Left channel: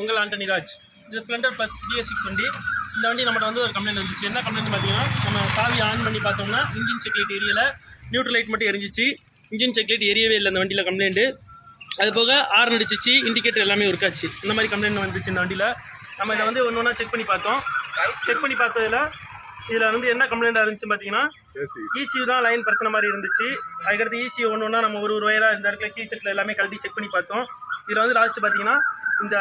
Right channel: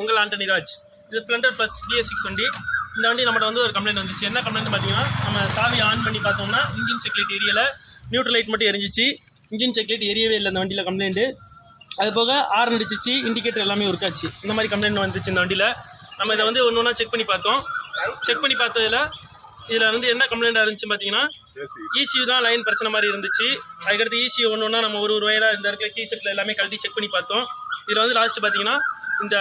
உங்கள் ஆண்டனி ராஜ். இது Splendor plus BS6 வண்டி. இந்த வண்டி நம்மகிட்ட வந்து ஒரு கம்ப்ளைண்ட் வந்துச்சு. என்ன கம்ப்ளைண்ட் பார்த்தீங்கன்னா, நம்ம சாவி ஆன் பண்ணி பார்த்தோம்னா இன்ஜின் செக் லைட் எரியலை, நியூட்ரல் லைட் மட்டும் எரிஞ்சிச்சு. இன்ஜின் செக் லைட் எரியவே இல்லை இந்த வண்டியில் கம்ப்ளைண்ட்டு. அது போக ஹார்ன் அடிச்சிச்சு, இண்டிகேட்டர் எல்லாமே ஒர்க் ஆச்சு. இந்த மாதிரி கம்ப்ளைண்ட் வந்துச்சு இந்த வண்டியில். நம்ம இதை வந்து ஒன்று ஒன்றா செக் பண்ணி பார்த்தோம். செக் பண்ணி பார்த்ததில் இதில் வந்து என்ன கம்ப்ளைண்ட்டாக இருந்துச்சு பார்த்தீங்கன்னா, ECU தான் லைன் பிரச்சனை மாதிரி இருந்துச்சு. அதுக்கடுத்து ECU ஒன்று ஒன்றா நம்ம ஒரு வயலாக இந்த இடத்துல கீ செட்டில் எல்லாமே கழட்டி செக் பண்ணி பார்த்தோம். இதில் வந்து லாஸ்ட்டு பார்த்தீங்கன்னா, இந்த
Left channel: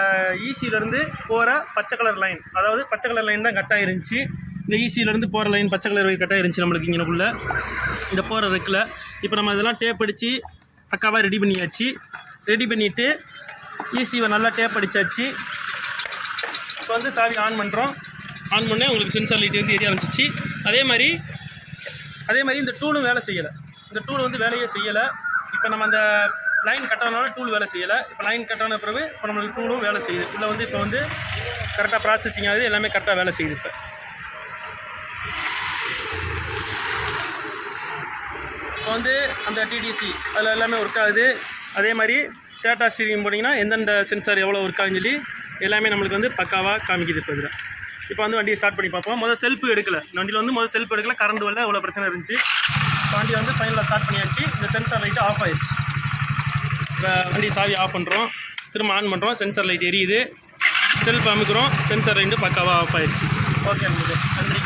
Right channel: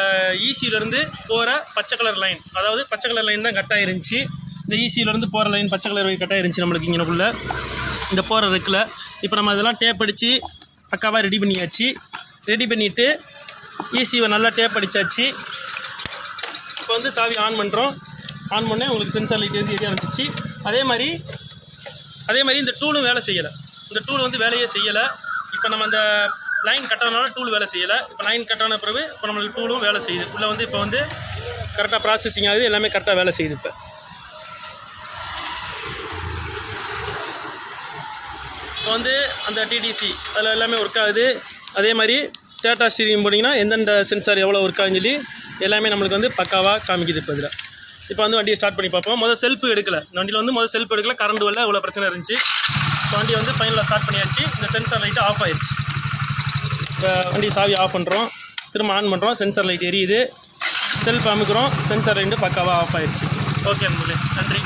ECUலேருந்து போகிற பச்சை கலர் லைன், அதாவது பச்சை கலர் லைன் தான் கட் ஆகிருந்துச்சு. இந்த ECUலேருந்து போகிற லைன் பச்சை கலர் கட் ஆகிருந்துச்சு நம்மளுக்கு இங்கேக்குள்ளே இந்த போகிற ரெக்கில். இப்போ நம்ம இதெல்லாம் டேப் அடித்து பக்காவாக ரெடி பண்ணியாச்சு. ரெடி பண்ணிவிட்டு ECUவை நல்லா டேப் அடித்தாச்சு. இப்போ வந்து சாவி ஆன் பண்ணுறோம். ஆன் பண்ணே உங்களுக்கு சென்சார் லைட் வந்து எரிய ஆரம்பிச்சிச்சு. அதே மாதிரி இந்த டூலும் வேலை செய்யலை. இந்த டூல் வந்து வேலையே செய்யலை. இப்போ நம்ம அந்த லைன் கட்டானால டூல் வேலை செய்யலை. இப்போ லைன் கட்டான பிறகு இப்போ நம்மளுக்கு டூலும் வேலை செய்யுது. உள்ளே வந்து இப்போ வந்து கரெக்டாக ப்ராசஸிங் ஆகுது, எல்லாமே கரெக்டாக வேலை செய்யுது. இப்போ வந்து அந்த TDC அதில் எல்லாமே ஒர்க் ஆகுது. அதே மாதிரி டேட்டா ஸ்டீரிங் போனீங்கன்னா எந்தெந்த சென்சார் எவ்வளோ ஒர்க் ஆகுன்னு சொல்லி எல்லாமே நம்மளுக்கு வந்து பக்காவாக காமிக்குது. இப்போ இதில் இப்போ வந்து வண்டியை ஸ்டார்ட் பண்ணி பார்ப்போம். முதல் செல்ஃப் எடுக்கலை. இந்த வண்டியில் வந்து முதல் செல்ஃப் எடுக்கல, கரண்ட் வரல, இவ்வளோ பிரச்சனை இருந்துச்சு. இப்போ வண்டி வந்து ஃபைனலாக ஸ்டார்ட் பண்ணியாச்சு. இந்த சென்சார் லைட்டு ஆஃப் ஆயிடுச்சு. இப்போ வண்டி சாவி ஆஃப் பண்ணுறோம், திரும்ப ஆன் பண்ணுறோம், சென்சார் லைட் எரியுது. செல்ஃப் அமுக்கிறோம், சென்சார் லைட்டு பக்காவாக ஆஃப் ஆயிடுச்சு. ஓகே நன்றி.